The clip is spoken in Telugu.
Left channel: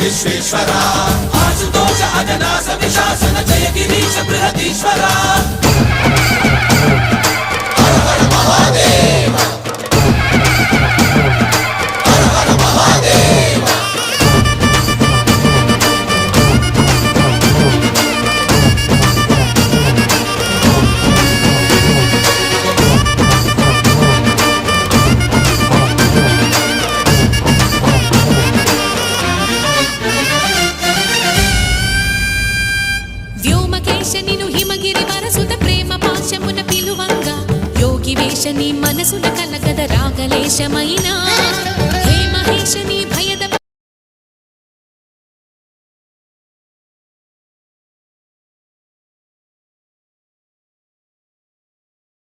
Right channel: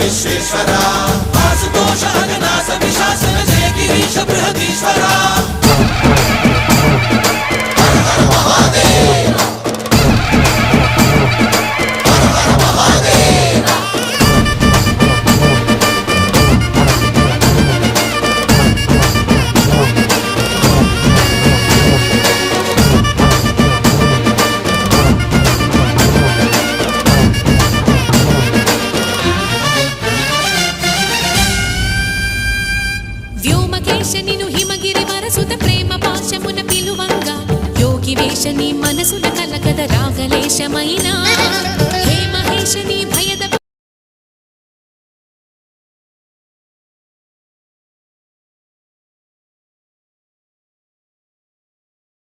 విశ్వేశ్వరా ఆశుతోష అజనాస విశాసన జయ గిరీశ బృహదీశ్వరా హర హర మహాదేవ హర హర మహాదేవ వ్యోమకేశనిను హిమగిరి వరసుత ప్రేమ పాశమున పిలువంగా యోగి వేషని మనసున కలకద రాగలేశమైనా హే మహేశని భయద